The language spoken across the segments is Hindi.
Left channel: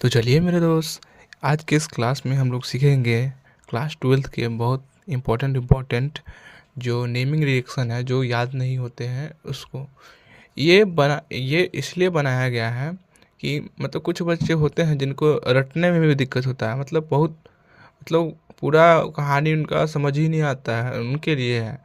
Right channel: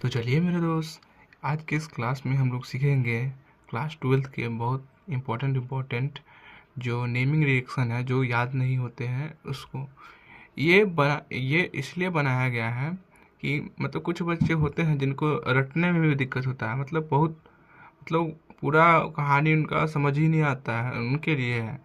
तो चलिए मेरे दोस्त, आज के इस क्लास में हम लोग सीखेंगे क्लास ट्वेल्थ के बहुत इम्पोर्टेंट जो नेमिंग रिएक्शन है, जो याद नहीं होते हैं उसको। ये इसलिए बनाया गया है कि मतलब कुछ बच्चे होते हैं जिनको रटने में भी दिक्कत होता है, मतलब पूरा कहानी उनका समझ ही नहीं आता है, उनके लिए है।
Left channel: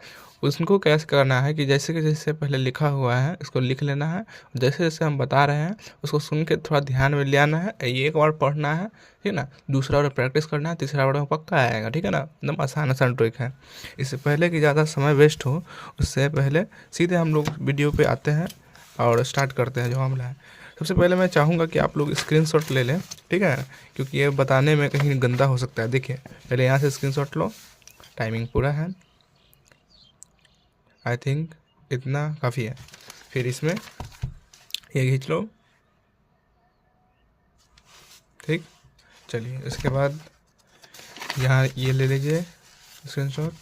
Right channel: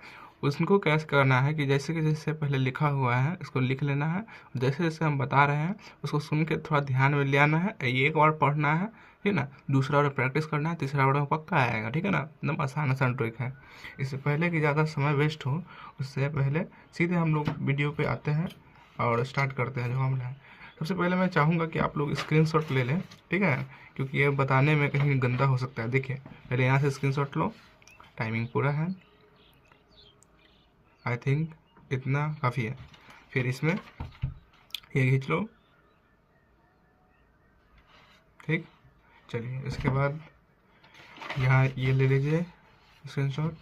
उसको कैसे करना है कि जैसे कि जैसे पहले लिखा हुआ है इसको लिख लेना है, जैसे जैसे हम बता रहे हैं उसको सुन के थोड़ा ध्यान में ले आना है, एक बार पढ़ना है, ठीक है ना। दूसरा बार प्रैक्टिस करना है, तीसरा बार में पक्का आएगा, ठीक है ना। एकदम आसान आसान ट्रिक है। इससे पहले कि ज़्यादा समय वेस्ट हो, उससे पहले सीधे हम लोग वीडियो पे आते हैं और स्टार्ट करते हैं जो मामला है। सबसे पहले मैं चाहूँगा कि आप लोग स्क्रीनशॉट ले लें, ठीक है, क्योंकि ये बताने में कहीं गंदा हो सकता है। देखिए पहले यहाँ से स्क्रीनशॉट लो, टाइमिंग पूरा है, आई थिंक इतना काफ़ी है। फिर इसमें ये खींच लो, ठीक। चलिए इसके बाद यहाँ ये ले लीजिए स्क्रीनशॉट,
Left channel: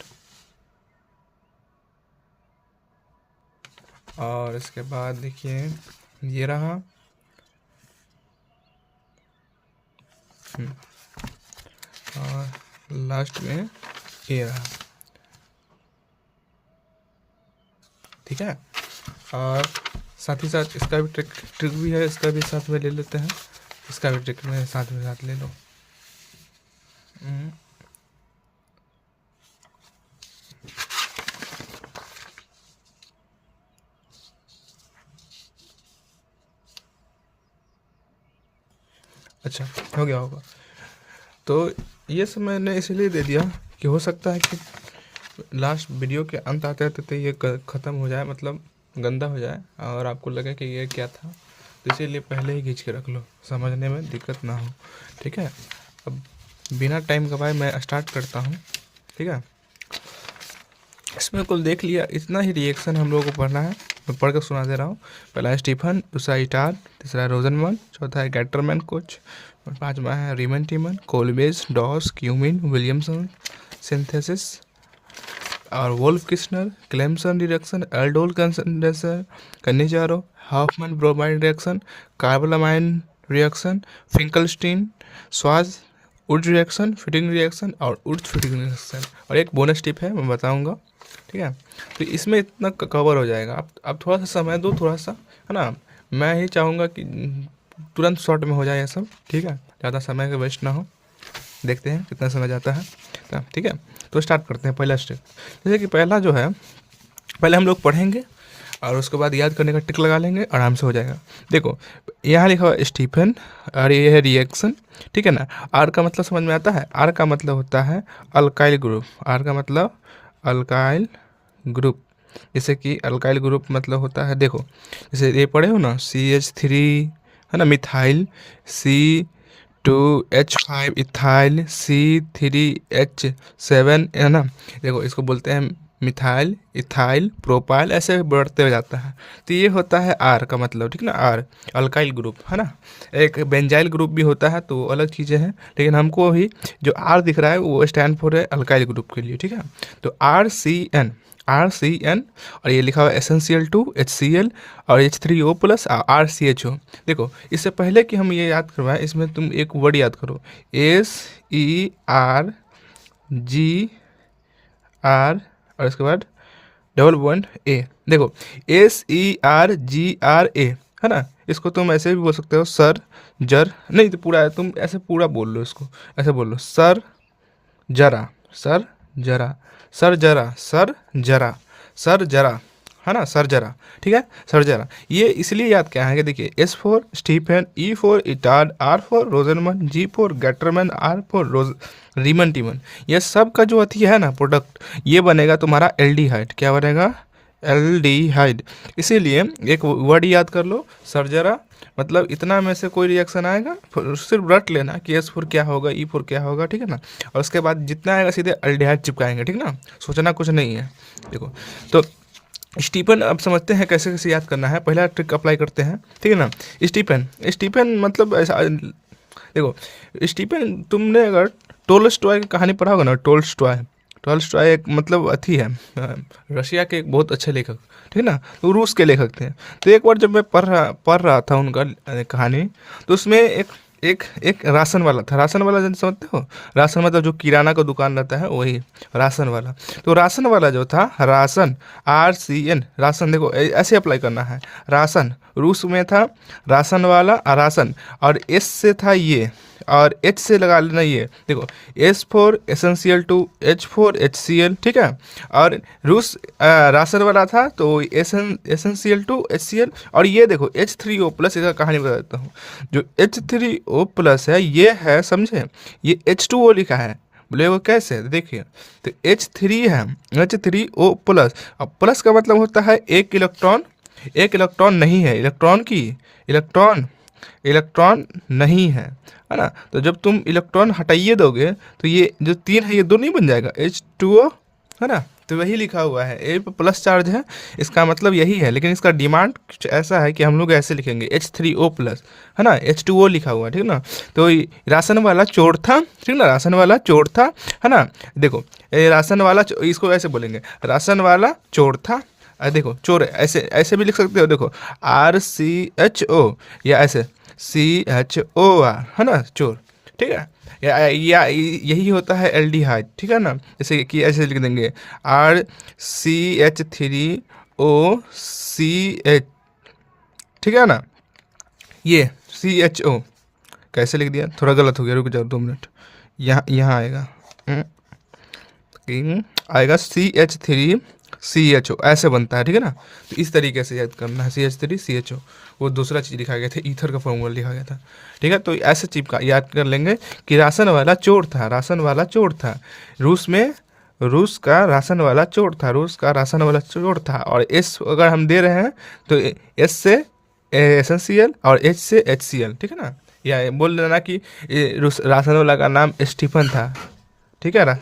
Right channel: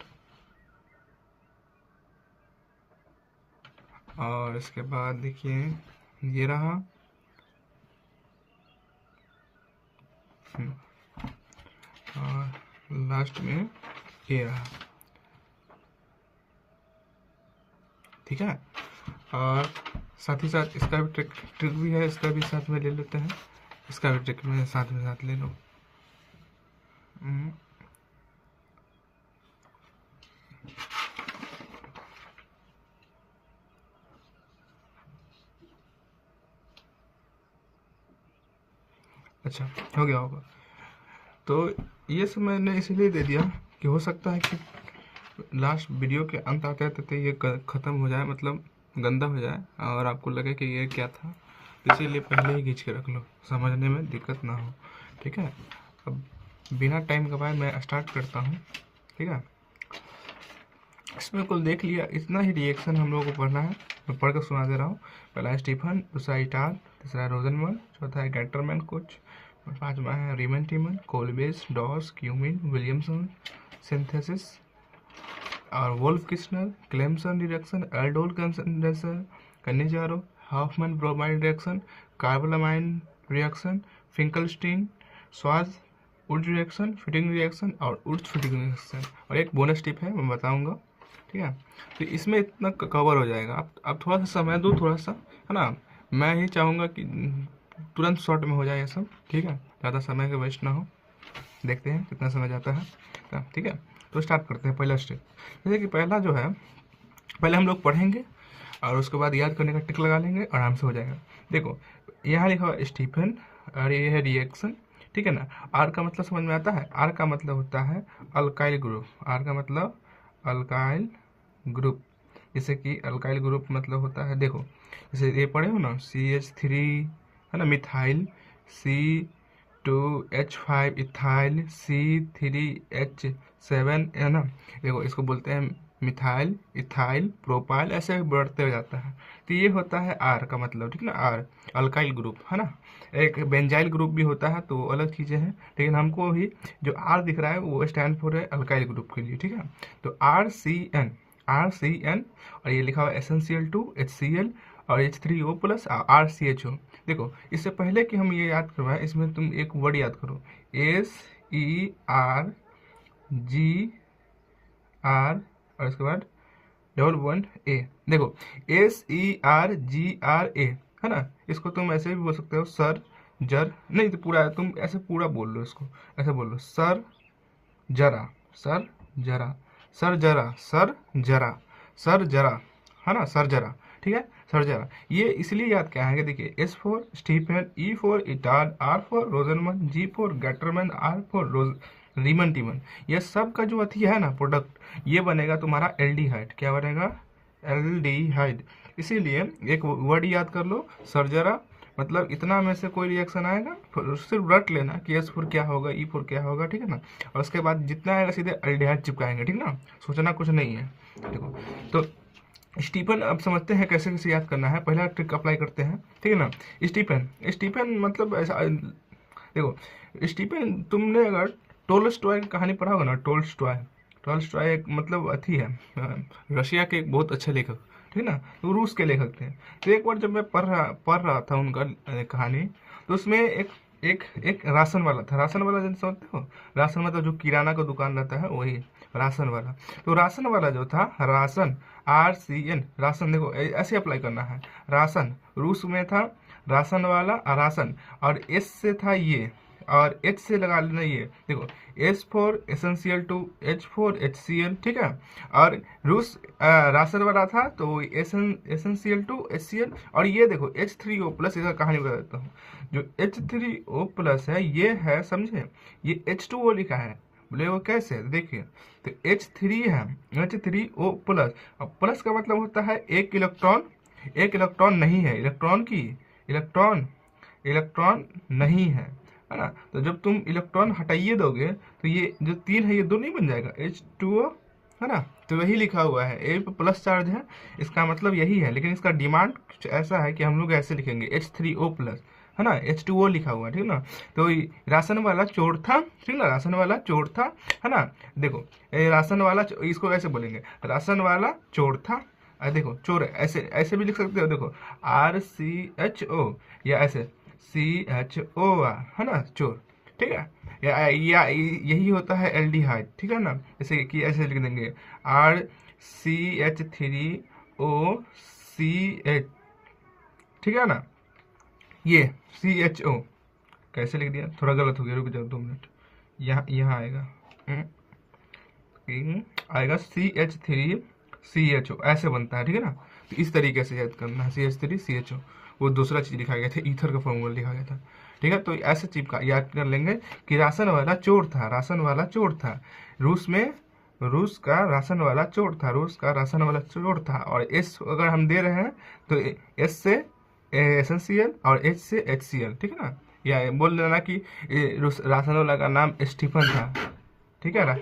और इसके बाद देखिए ये रहा, और लास्ट में ये रहा, ठीक है। और साथ ही साथ इसका भी ट्रिक भी है, इसका भी साथ में ले लेते हैं, इसका भी ट्रिक में साथ ले लो। अच्छा, हो गया होगा। तो ये सब मैंने इसलिए दे दिया कि हो सकता है कि लास्ट वीडियो के अंत आते आते तो ये ख़त्म हो जाए, मतलब गंदा हो जाए और आपको लगे कि ये क्या था, तो इसीलिए पहले ही खींच के रख लो, समझने में दिक्कत ना हो, ठीक है। अब बिना टाइम गवाए मैं स्टार्ट करता हूँ, ठीक है। इसमें कुल देख लिया, इतना ही रिएक्शन हम लोगों को पढ़ना है, मैं पढ़ कर सुना दे रहा हूँ। पहला है स्टीफन, दूसरा इटार, तीसरा है रोजनमन, चौथा है गैटरमैन कोच, और पांचवा है रीमन टीमन, कोलबेज, डॉस, क्यूमिन, विलियमसन सिंथेसिस, और Wolff Kishner, Clemmensen reaction, aldol condenser, Cannizzaro, Hofmann bromide reaction, carbylamine reaction, Finkelstein, स्वाज उड रिएक्शन, फिटिंग रिएक्शन और उड फिटिंग रिएक्शन। और एक बोनस टिप है मैं बताऊंगा, ठीक है। तो इसमें इतना कवर हो जाएगा। आप थोड़ा सा समय दो, थोड़ा सा, है ना। मैं ही चाहूँगा कि तुरंत शॉर्ट में हो जाए ये सब, ठीक है, ज़्यादा समय का वेस्ट ना हो। देखते हैं कितना समय जाता है, तो ठीक है। तो स्टार्ट करते हैं पहला स्टेप। जैसे कि पहला जो है, पहले हम लोग पढ़ेंगे और उसके बाद याद करने का टिक लगा लेंगे, आराम से हो जाएगा। देखो यहाँ लिखा हुआ स्टीफन और ये है रिएक्शन, ठीक है ना। आर का मतलब समझ में आता है, आर का मतलब होता है अल्काइल ग्रुप, आर का मतलब अल्काइल ग्रुप। जैसे कि अल्काइल ग्रुप मतलब होता है, देखो जैसे ये पढ़े हो ना, CH3 है ना, मिथाइल, C2H5 इथाइल, C3H7 है ना। देखो इसको बोलते हैं मिथाइल, इथाइल, प्रोपाइल, ऐसे बढ़ते हो जाता है। तो ये होता है आर का मतलब, ठीक ना, आर अल्काइल ग्रुप है ना। एक बेंजाइल ग्रुप भी होता है, तो अलग चीज़ें हैं, लेकिन हमको अभी जो आर दिख रहा है वो स्टैंड फॉर है अल्काइल ग्रुप के लिए, ठीक है। तो RCN, और ये लिखा हुआ SnCl2, HCl और H3O+ RCHO। देखो इससे पहले कि हम ये याद करवाएं, इसमें तुम एक वर्ड याद करो, SERGR, और इसके बाद डबल पॉइंट A। देखो SERGRA है ना, इसको तुम ऐसे भी बोल सकते हो, सर जर, नहीं तो पूरा है, तुम ऐसे पूरा बोल लो इसको, ऐसे बोल लो, सर जरा, सर जरा, सर जरा, सर जरा, सर जरा, है ना, सर जरा, ठीक है, सर जरा। ये इसलिए याद क्या है कि देखिए S for Stephen, E for Etard, R for Rosenmund, G for Gattermann, R for Reimer Tiemann. ये सब का जो अथी है ना प्रोडक्ट, ये बनेगा तुम्हारा एल्डिहाइड। क्या बनेगा? एल्डिहाइड। इसीलिए एक वर्ड याद कर लो, सर्जरा, मतलब इतना में से कोई रिएक्शन आएगा, सिर्फ रट लेना कि एस फोर क्या होगा, ई फोर क्या होगा, ठीक है ना। और उसके बाद जितना आएगा सीधे अल्डिहाइड चिपकाएंगे, ठीक ना, सोचना कुछ नहीं है। देखो तो स्टीफन अब समझते हैं कैसे कैसे याद करना है। पहला ट्रिक अप्लाई करते हैं, ठीक है ना। स्टीफन, स्टीफन मतलब ऐसा, देखो स्टीफन, तुमने अगर टोल्स्टॉय की कहानी पढ़ा होगा ना, टोल्स्टॉय, टोल्स्टॉय एक मतलब अथी है, रशिया के एक बहुत अच्छे लेखक, ठीक है ना, तो रूस के लेखक थे। तो एक बार जब मैं पढ़ रहा था उनका कहानी, तो उसमें एक एक एक राशन वाला था। राशन वाला जन समझते हो, राशन मतलब जो किराना का दुकान रहता है वही राशन वाला। तो राशन वाला जो था, राशन, RCN, राशन, देखो ऐसे अप्लाई करना है। राशन रूस में था, राशन वाला राशन, और एस से था ये, और एच से लगा लेना ये, देखो S4 essential to H4 HCl, ठीक है। और रूस राशन वाला था तो एसेंशियल टू HCl, और ये देखो H3O प्लस, इसका कहानी बता देता हूँ। जो H3O प्लस है ये है, समझे, ये H2O लिखा है, बोले वो कैसे, देखिए, तो H3 है, H3O प्लस। अब प्लस का मतलब होता है एक इलेक्ट्रॉन, एक इलेक्ट्रॉन नहीं है, इलेक्ट्रॉन की इलेक्ट्रॉन इलेक्ट्रॉन नहीं है ना। तो जब तुम इलेक्ट्रॉन हटाइए दोगे तो ये जो तीन है ये दो नहीं बन जाएगा, H2O, है ना। तो वही लिखा हुआ है, ए पे प्लस चार्ज है, इसका मतलब यही है। लेकिन इसका डिमांड कुछ ऐसा है कि हम लोग ऐसे लिखेंगे H3O प्लस, है ना, H2O लिखा हुआ है, ठीक ना। तो ये राशन वाला चोर था, ठीक ना, राशन वाला चोर था, है ना। देखो ये राशन वाला इसको ऐसे बोलेंगे, राशन वाला चोर था। देखो चोर ऐसे ऐसे भी लिख सकते हो, देखो RCHO, या ऐसे CHOR, है ना, चोर, ठीक है। या यही होता है एल्डिहाइड, ठीक है ना। जैसे कि ऐसे लिख देंगे RCH3OCH, ठीक है ना। ये CHO कैसे लिख दिया, थोड़ा गलत हो गया, रुक जाओ 2 मिनट। यहाँ यहाँ आएगा, आएगा CH3CHO, ऐसे बनता है, ठीक है ना। तो इस तरीके से याद करना है, CH3CHO। वो दूसरा चीज़ लिखा गया था, ईथर का फॉर्मूला लिखा गया था, ठीक है। तो ऐसे चीज का याद कर लेंगे कि राशन वाला चोर था, राशन वाला चोर था। रूस में रूस का राशन वाला चोर था, रूस का राशन वाला चोर था। और एस अगर हम दे रहे हैं तो एस से एसेंशियल और एच से HCl, ठीक है ना। या बोल देना कि राशन वाला का नाम स्टीफन था, ठीक है ना।